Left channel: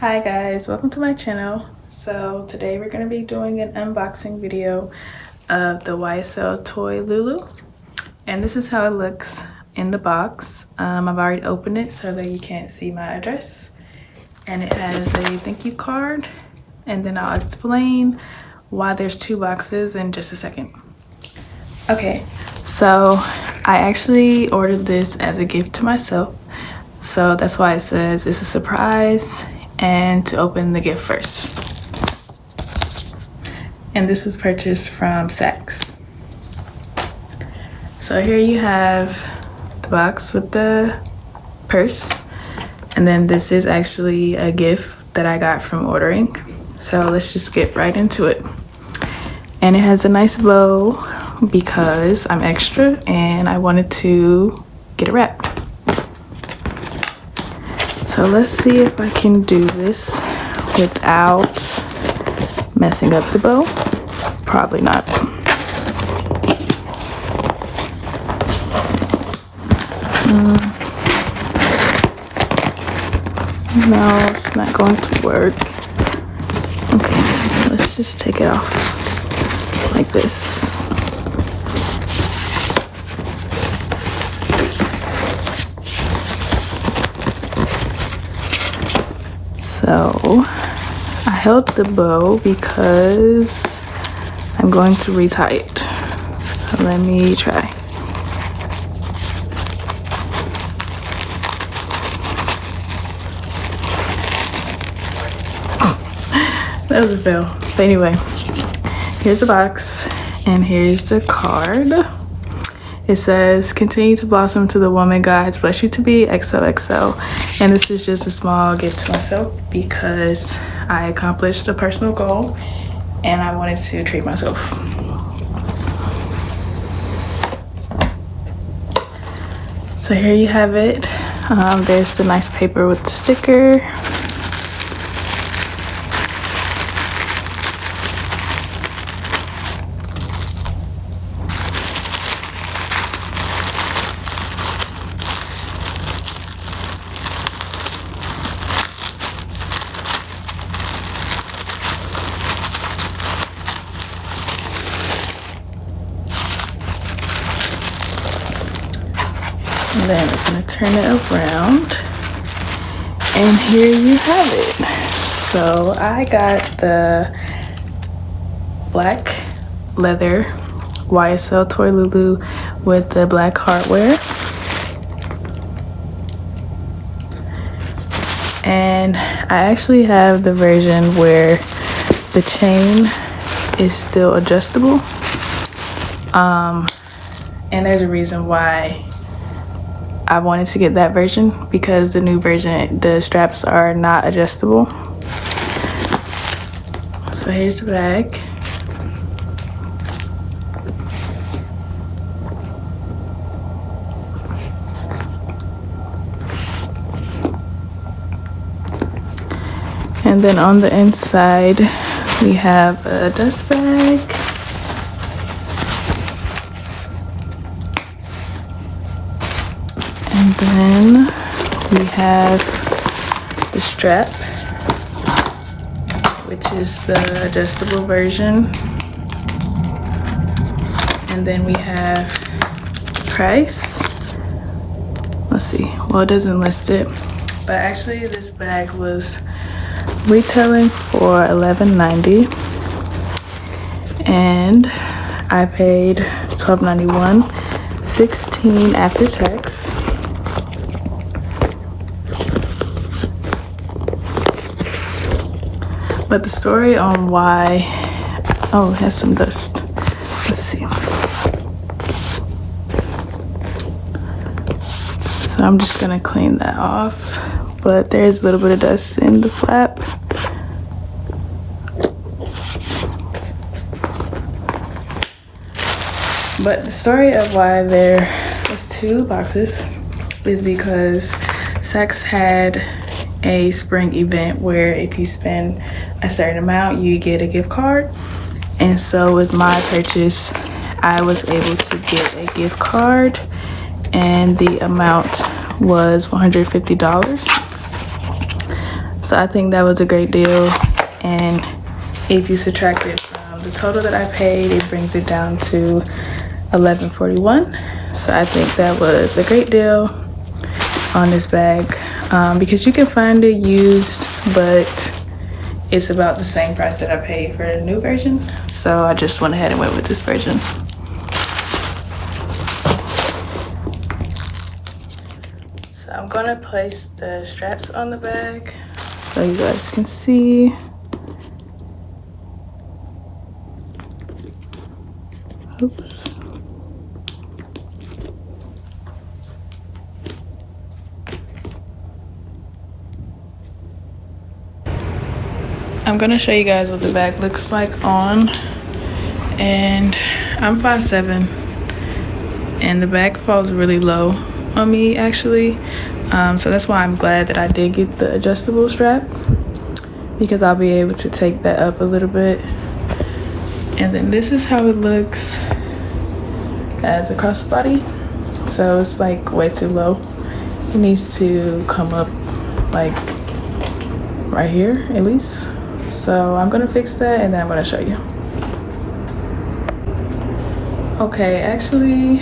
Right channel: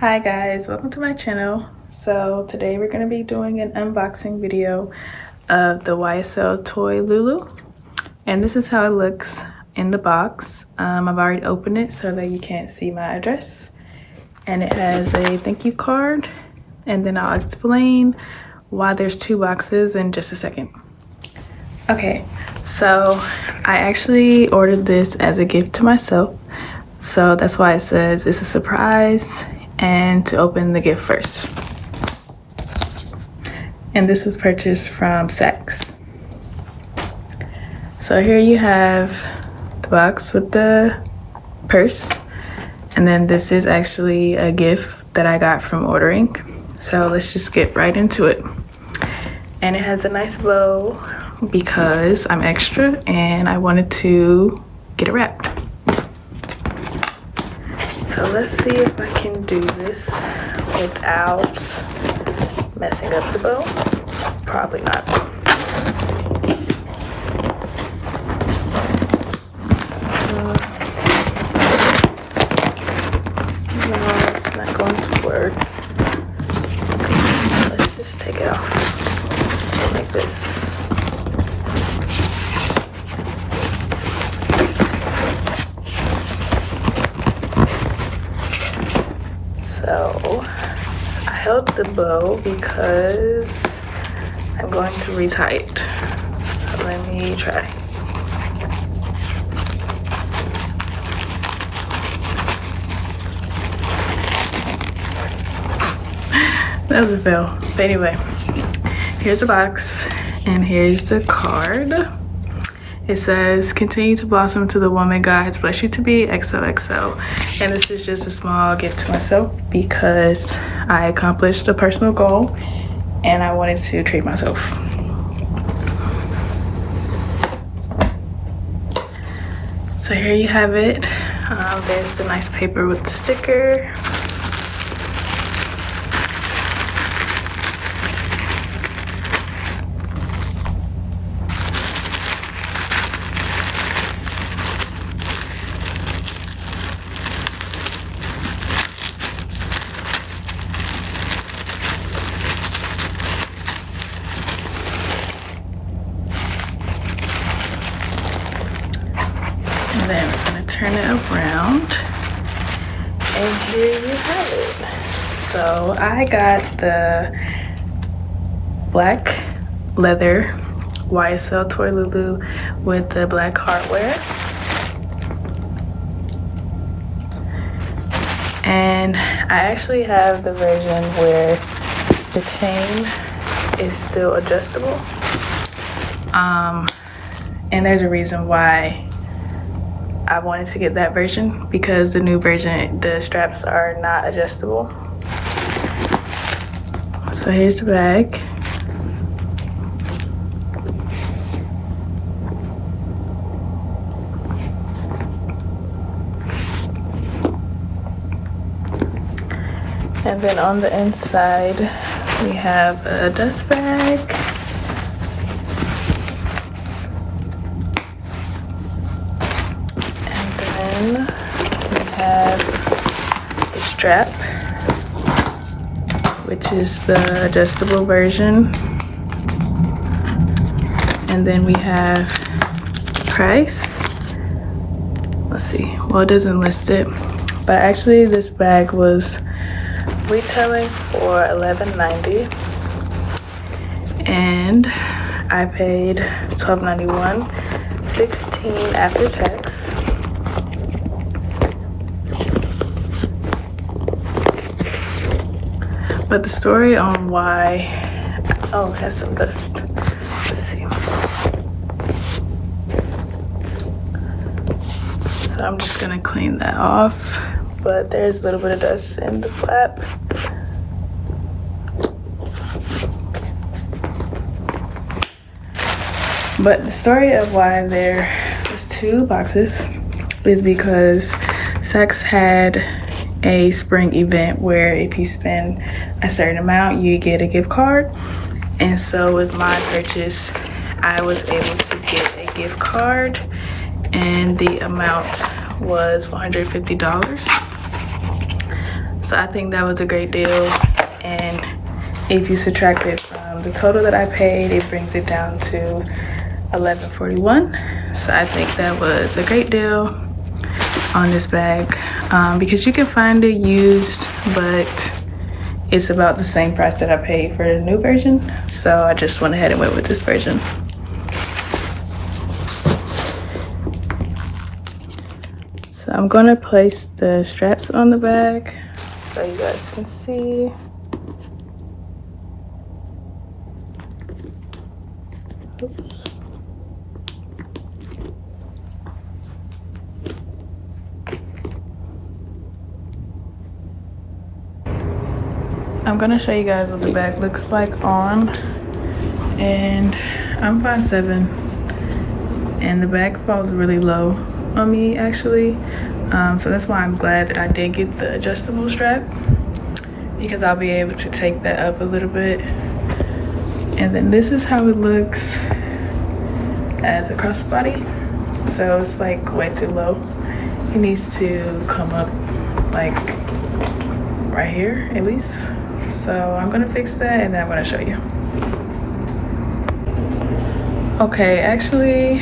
Hi guys, welcome to my channel. So today we're going to be doing an unboxing video of the YSL Toy LOULOU, and this is how it looks in the box. I've already opened it so that you can't see my address, and it has a thank you card, and then I'll explain why there's two boxes in just a second. Okay, so I actually ordered this as a gift to myself, so that's why it says it's a surprise and to open the gift first. And this was purchased from Saks. So here you have the box with the purse, and then this is actually a gift that I got from ordering. So let's just get right into it. And it has a nice bow because I'm extra and I wanted to get a wrap. So let's see if I can do this without messing up the bow. Probably not. No, it's not going to work. Okay, let's just take it off like this. So I held the bow because I'm going to retie it. So let me try. That was a fail. But anyway, here's the box and here's the card. It says, continue to blossom to the woman God has blessed you to be, XOXO. And this is just a small gift to myself because I accomplished a personal goal and I wanted to treat myself. So here you have it. There's the nice paper with the sticker. And then I'm gonna turn it around, and here you have it. So I got the black leather YSL Toy LOULOU with the black hardware, and I actually have the version where the chain is still adjustable, and there's a reason why I wanted to get that version, because the new version, the straps are not adjustable. So here's the bag. And then on the inside, we have a dust bag. And then we have the strap, which is the adjustable version. And then we have price. Let's see, well, it doesn't list it, but actually this bag was retailing for $11.90 and I paid $12.91, $16 after tax. But the story on why, oh, it has some dust. Let's see. So I'm just gonna clean that off, but there's a little bit of dust in the flap. But the story of why there was two boxes is because Saks had a spring event where if you spend a certain amount you get a gift card, and so with my purchase I was able to get a gift card and the amount was $150. So I think that was a great deal. And if you subtract it from the total that I paid, it brings it down to $11.41. So I think that was a great deal on this bag, because you can find it used, but it's about the same price that I paid for the new version. So I just went ahead and went with this version. So I'm gonna place the straps on the bag so you guys can see. Oops. I'm gonna show you guys what the bag looks like on, and I'm 5'7", and the bag falls really low on me actually, so that's why I'm glad that I did get the adjustable strap, because I'll be able to take that up a little bit. And then this is how it looks as a crossbody. So it's like way too low. It needs to come up like right here at least. So I'm gonna fix that and then I'm gonna show you. Okay, actually,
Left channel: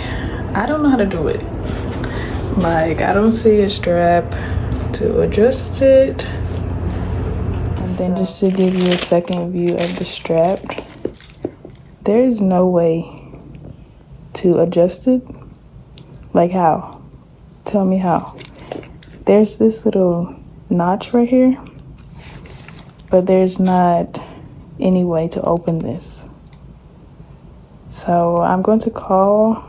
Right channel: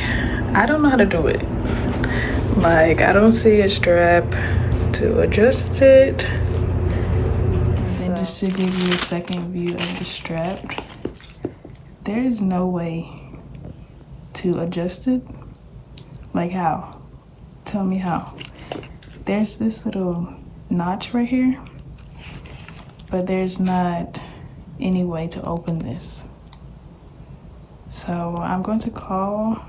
I don't know how to do it. Like, I don't see a strap to adjust it. And then just to give you a second view of the strap, there is no way to adjust it. Like how? Tell me how. There's this little notch right here, but there's not any way to open this. So I'm going to call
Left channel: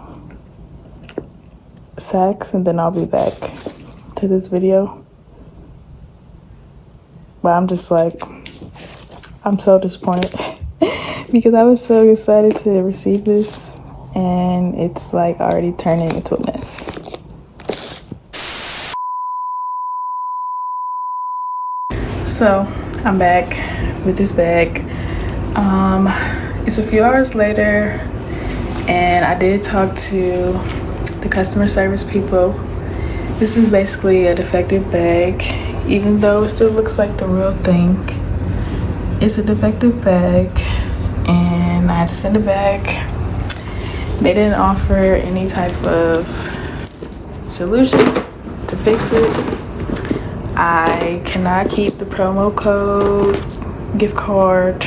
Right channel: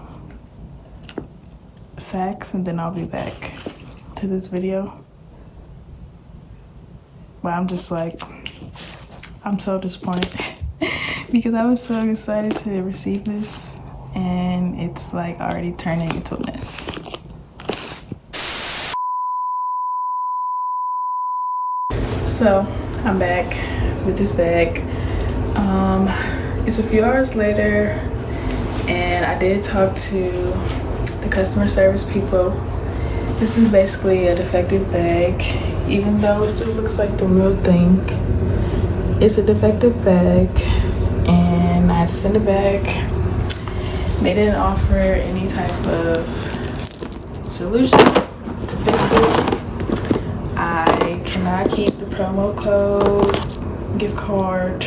Saks and then I'll be back to this video. But I'm just like, I'm so disappointed because I was so excited to receive this and it's like already turning into a mess. So I'm back with this bag. It's a few hours later and I did talk to the customer service people. This is basically a defective bag, even though it still looks like the real thing. It's a defective bag and I had to send it back. They didn't offer any type of solution to fix it. I cannot keep the promo code gift card,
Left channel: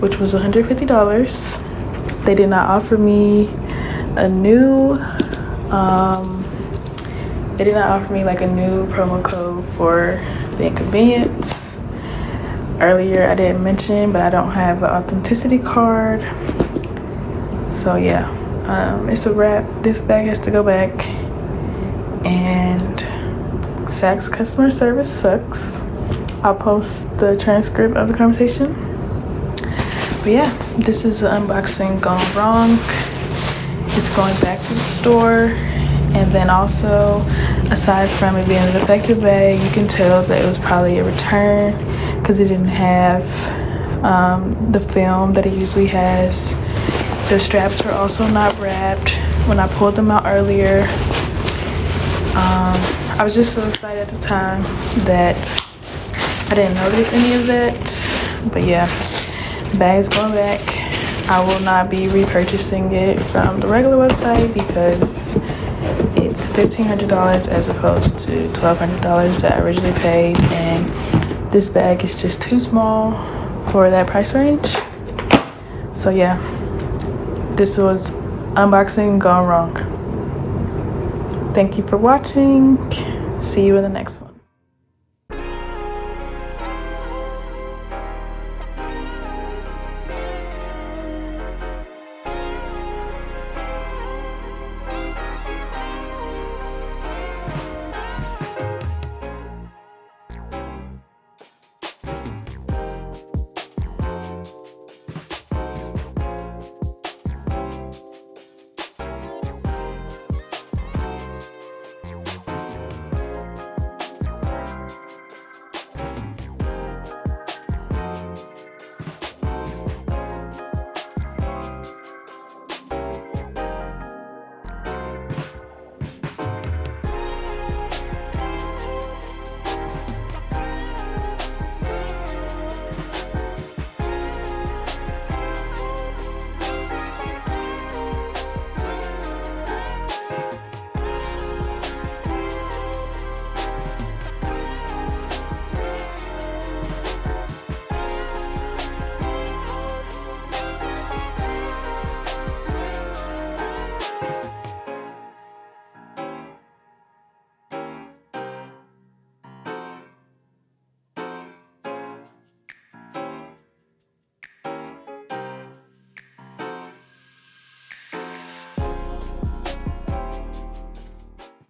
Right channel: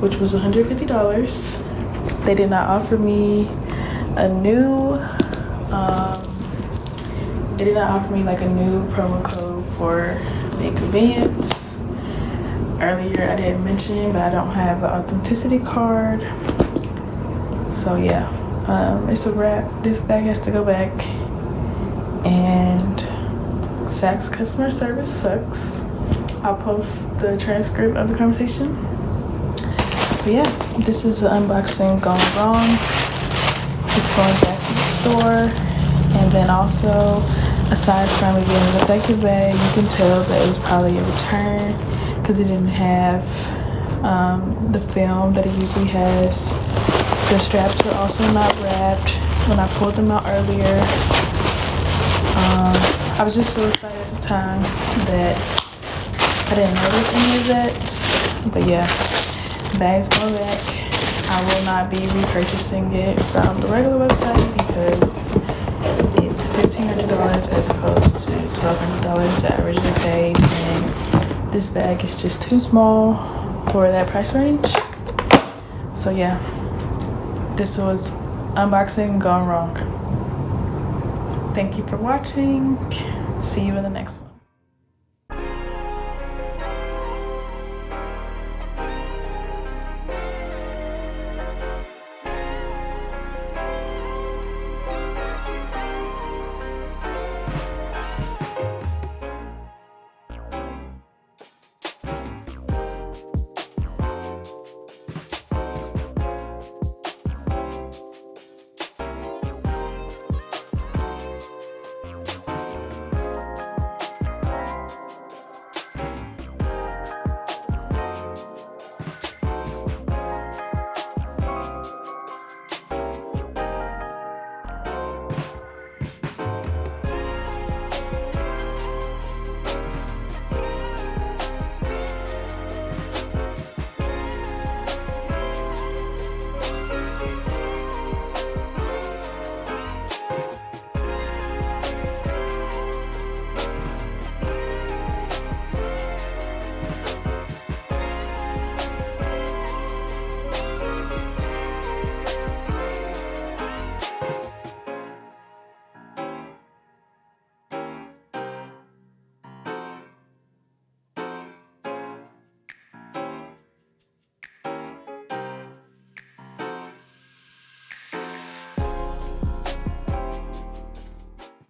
which was $150. They did not offer me a new they did not offer me like a new promo code for the inconvenience. Earlier I didn't mention, but I don't have an authenticity card. So yeah, it's a wrap. This bag has to go back, and Saks customer service sucks. I'll post the transcript of the conversation. But yeah, this is an unboxing gone wrong. It's going back to the store. And then also, aside from it being a defective bag, you can tell that it was probably a return because it didn't have the film that it usually has. The straps were also not wrapped when I pulled them out earlier. I was just so excited at the time that I didn't notice any of that. But yeah, the bag's going back. I will not be repurchasing it from the regular website because it's $1,500 as opposed to $1,200 that I originally paid, and this bag is just too small for that price range. So yeah, this was unboxing gone wrong. Thank you for watching. See you in the next one.